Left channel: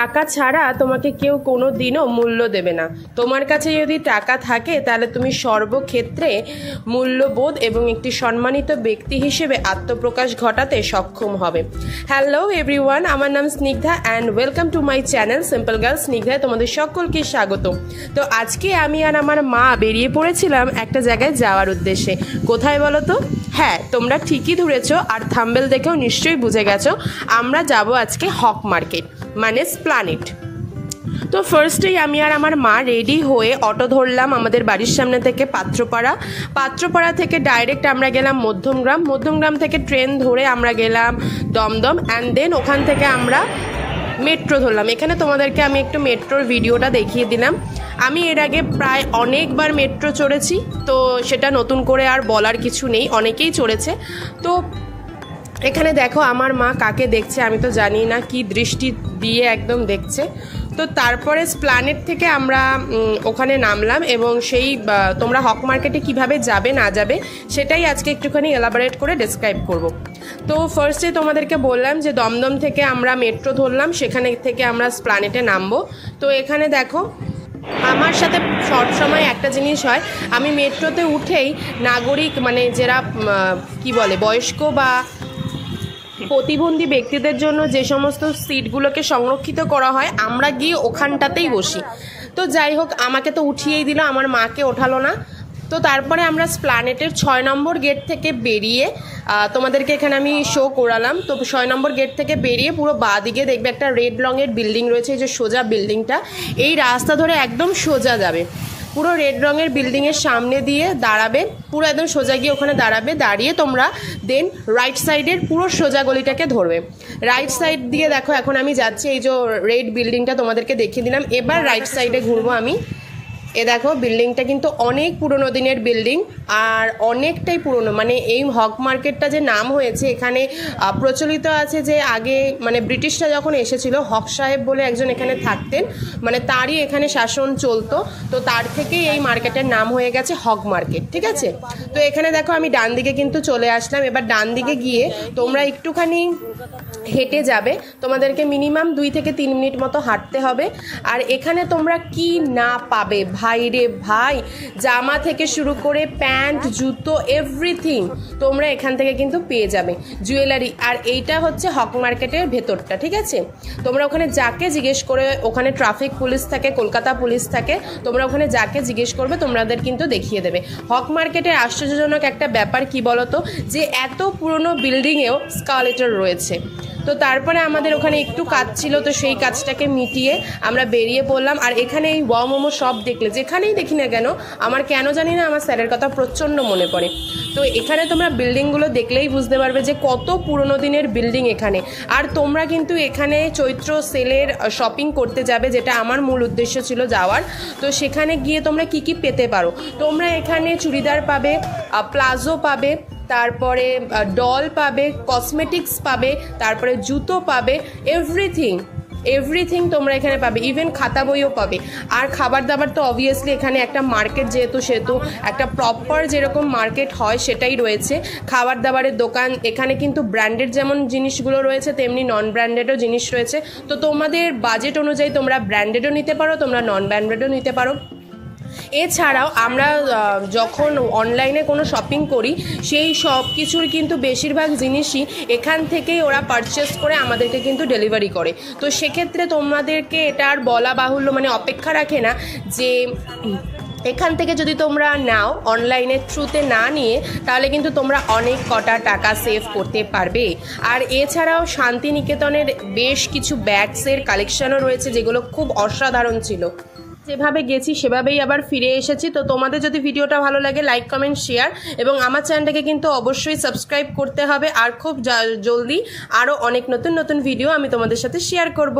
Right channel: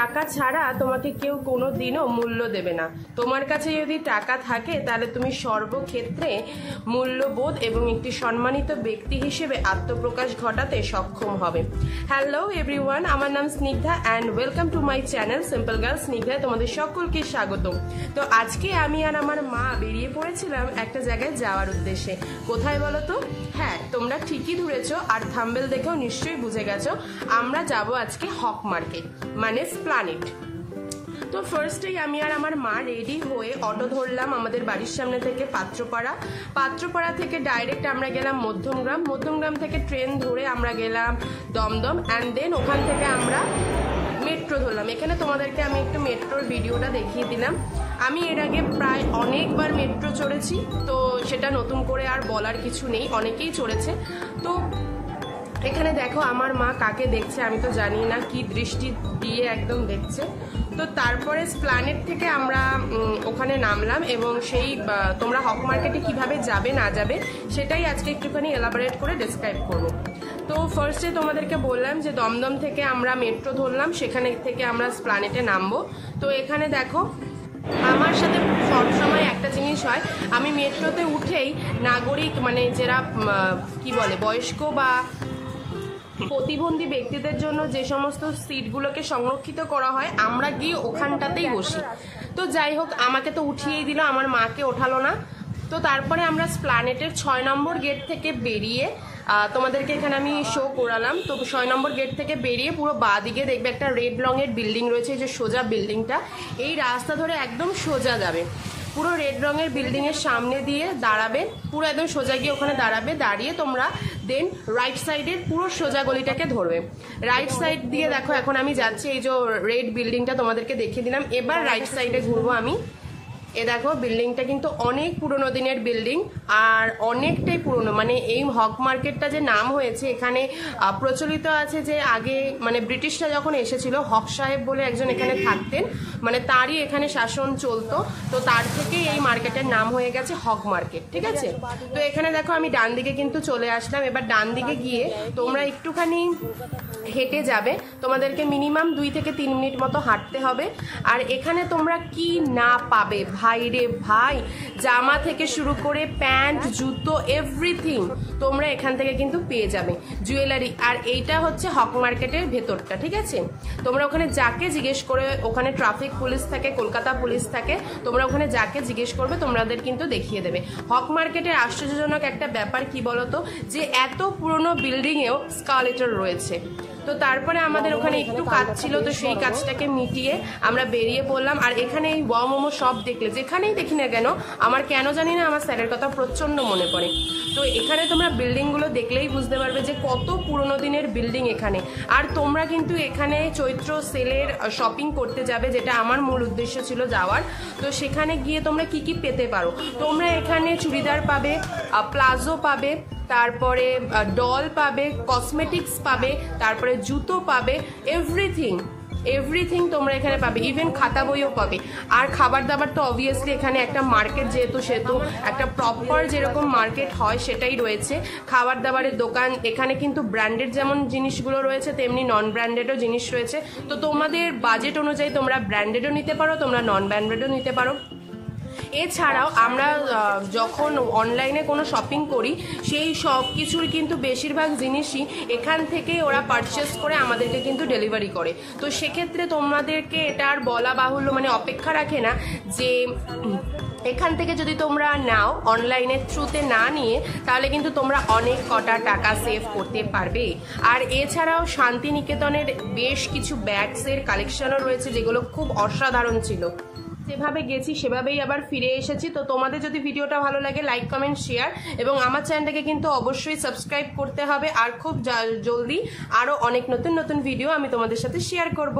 টাকা ছাড়া তোমাকে কেউ কোনো দিনও মূল্য দেবে না। তোমার কাছে যদি টাকা থাকে তাহলে তুমি সর্বক্ষেত্রে মূল্যবোধ এবং একটি সম্মানিত ব্যক্তি হিসেবে আত্মপ্রকাশ ঘটাতে সক্ষম হবে। হ্যালো এভরিওয়ান, আমার নাম Snigdha and welcome to my channel simple girl স্নিগ্ধায় তোমাদের সকলকে স্বাগত। তো আজকে আমি আর আমার মা বেরিয়ে পড়েছিলাম একটা জায়গায় যাওয়ার উদ্দেশ্যে। কোথায় বলো তো? হ্যাঁ, তোমরা ঠিকই ধরেছো, আর থাম্বেল দেখেও নিশ্চয়ই বুঝে গেছো আমরা যাব আজকে হক মার্কেট মানে প্ল্যানেট। তো ফার্স্টেই আমি আর আমার মা রেডি হয়ে অটো ধরলাম আমাদের বাড়ির সামনে থেকে পাত্রপাড়া থেকে ডাইরেক্ট আমরা গেলাম মধ্যমগ্রাম থেকে ট্রেন ধরে আমরা গেলাম দমদম অ্যান্ড দেন ওখান থেকে আমরা মেট্রো ধরলাম। এখানে তোমাদেরকে আমি একটু মেট্রোর ভিডিওটা দেখিয়ে দিলাম। আমি এর আগে প্রায় অনেকবার মেট্রো চড়েছি, তো সেটা নতুন করে আর বলার কিছু নেই, অনেকেই চড়েছে। তো এখানে দেখো আমার মা কাকে দেখছে আমি তো জানি না, কি দৃষ্টি দিয়ে একদম দেখছে। তো তারপরে প্ল্যানেট থেকে আমরা ওখানে নামলাম এবং সেই তোমরা হক মার্কেটে কিভাবে যাবে না যাবে সেটাই আজকে একটুখানি এলাবোরেট করে ডেসক্রাইব করব। তো ফার্স্টে তোমাদেরকে বললাম যে দমদম থেকে আমরা মেট্রো ধরলাম, সেখানে থেকে আমরা প্ল্যানেটে নামবো। তো এখানে দেখো আমার সাথে সবসময় একটা জিনিস হয়, আমি মেট্রোতে উঠেই নাগরিক মানে যারা কি বলে বয়স্ক বা প্রতিবন্ধী ব্যক্তিদের জন্য যে সমস্ত সিটগুলোকে সংরক্ষিত করা হয় আমরা গিয়ে ওখানটাতেই বসি। তো যাই হোক, আমাকে তো উঠিয়েই দিল, আমার মাকে ওঠালো না। তো তারপরে আমরা প্ল্যানেটের 6 নম্বর গেট থেকে বেরিয়ে তোমাদেরকে এখানে আমি শো করালাম। তো 6 নম্বর গেট থেকে বেরিয়ে পুরো বাঁ দিকে দেখবে একটা রেড রঙের বিল্ডিং রয়েছে, এই যে সোজা বিল্ডিংটা, এই রাস্তা ধরে একদম সোজা যাবে, পুরো রেড রঙের বিল্ডিংয়ের সামনে দিয়ে দাঁড়াবে, পুরো একদম সোজা গিয়ে ওখানে দাঁড়াবে, দাঁড়িয়ে তোমরা দেন রাইট সাইডের পুরো সোজা গলিটাকে ধরবে। রাইট সাইড দিয়ে দেখো এখন আমি যাচ্ছি, এই যে রেড বিল্ডিংটা তোমাদেরকে দেখিয়ে দিলাম। এবার রাইট সাইডে ঘুরবো আমি। এ দেখো বিল্ডিংটা কিন্তু অনেক পুরনো দিনের বিল্ডিং আর অনেকটাই পুরনো, মানে এই হক মার্কেটটা যে নাম হয়েছে এখানে প্রচলিত আছে যে আগে মানে ব্রিটিশরা যখন এসেছিল হক সাহেব বলে একজন এখানে থাকতেন, মানে তারই এখানে শাসন চলতো, তো তার থেকেই এই মার্কেটের নাম হয়ে গেছে হক মার্কেট, ঠিক আছে। তো এখানে দেখো আমি ডান দিকে কিন্তু চলে আসলাম। এবার ডান দিকে গিয়ে তোমরা একটুখানি হেঁটে যাবে, তোমাদেরকে মিনিমাম 2 থেকে 3 মিনিট মতো হাঁটতে হবে। আর এখানে তোমরা কি না পাবে ভাই রে ভাই, জামা থেকে শুরু করে প্যান্ট জুতো এভরিথিং তোমরা এখান থেকে কিন্তু পেয়ে যাবে, জুয়েলারি। আর এইটা হচ্ছে হক মার্কেটের ভেতরটা, ঠিক আছে। তোমরা ওখানে যাকে জিজ্ঞেস করে, ওখানে ট্রাফিক পুলিশ থাকে, কলকাতা পুলিশ থাকে, তোমরা ওখানে যাকে জিজ্ঞেস করবে তোমাদের কিন্তু দেখিয়ে দেবে। হক মার্কেটের আশ্চর্যজনক একটা ব্যাপার কি বলতো, যে এত পুরনো বিল্ডিংয়েও স্কালেটর রয়েছে। তো তারপরে আমাদের ওখানে একটু কাজ ছিল, তো সেই কাজটাকে মিটিয়ে আমরা বেরিয়ে পড়লাম। আর এখানে এই ওয়াও মোমো সব দেখলে যেখানেই দেখি না কেন আমার কেন জানি না আমার স্যারের কথা প্রচণ্ড মনে পড়ে। তো এখানে তোমরা বিল্ডিংগুলো দেখলেই বুঝতে পারবে যে কত পুরনো দিনের বিল্ডিং এখানে। আর তোমরা কিন্তু এখানে চৈত্র সেলের শপিং করতে যাবে, যেটা আমার মূল উদ্দেশ্য ছিল যাওয়ার। তো সেখানে গিয়ে তোমরা কি কি পেতে পারো, তোমরা এখানে চুড়িদার পাবে, প্লাজো পাবে, তারপরে ডল পাবে, কসমেটিক্স পাবে, তারপরে জুতো পাবে, এভরিথিং তোমরা এখানে পাবে, ইভেন খাতা বইও পাবে। আর খাবার দাবার তো অবভিয়াসলি এখানে একটা মার্কেট যেহেতু সেহেতু একটা প্রপার যেরকম মার্কেট হয় সেটাই রয়েছে। খাবার দাবারের দোকান এখানে কিন্তু ব্র্যান্ডেড যেমন জিনিসগুলো রয়েছে তেমনি নন ব্র্যান্ডেডও জিনিস রয়েছে। তো তোমাদের বাজেট অনুযায়ী তোমরা ব্র্যান্ডেডও নিতে পারো, তোমরা নন ব্র্যান্ডেডও নিতে পারো। এছাড়াও আমরা যখন অনলাইনে কোনো শপিং করি সেই সব কিছুর কিন্তু বেশিরভাগ জিনিসই এখান থেকেই ওরা পারচেস করে আমাদেরকে কিন্তু ডেলিভারি করে। তো সেক্ষেত্রে তোমাদেরকে এটা আর বলা বাহুল্য, মানে অপেক্ষা রাখে না যে এখান থেকে যদি তোমরা নাও অনলাইনের থ্রুতে না নিয়ে, তাহলে কিন্তু তোমরা অনেক কটা টাকা সেভ করতে পারবে। আর এছাড়াও শান্তিনিকেতনের বেশ কিছু ব্যাগসের কালেকশনও রয়েছে যেগুলো খুব অসাধারণ ছিল। যেভাবে গেছি সেভাবেই আবার ফিরে এসেছি। তো তোমাদের যদি ভিডিওটা ভালো লাগে লাইক কমেন্ট শেয়ার এবং আমার চ্যানেলটাকে কিন্তু অবশ্যই সাবস্ক্রাইব করতে হবে। আর খুব জলদি আরও অনেক নতুন নতুন ভিডিও আমি তোমাদের সাথে শেয়ার করব।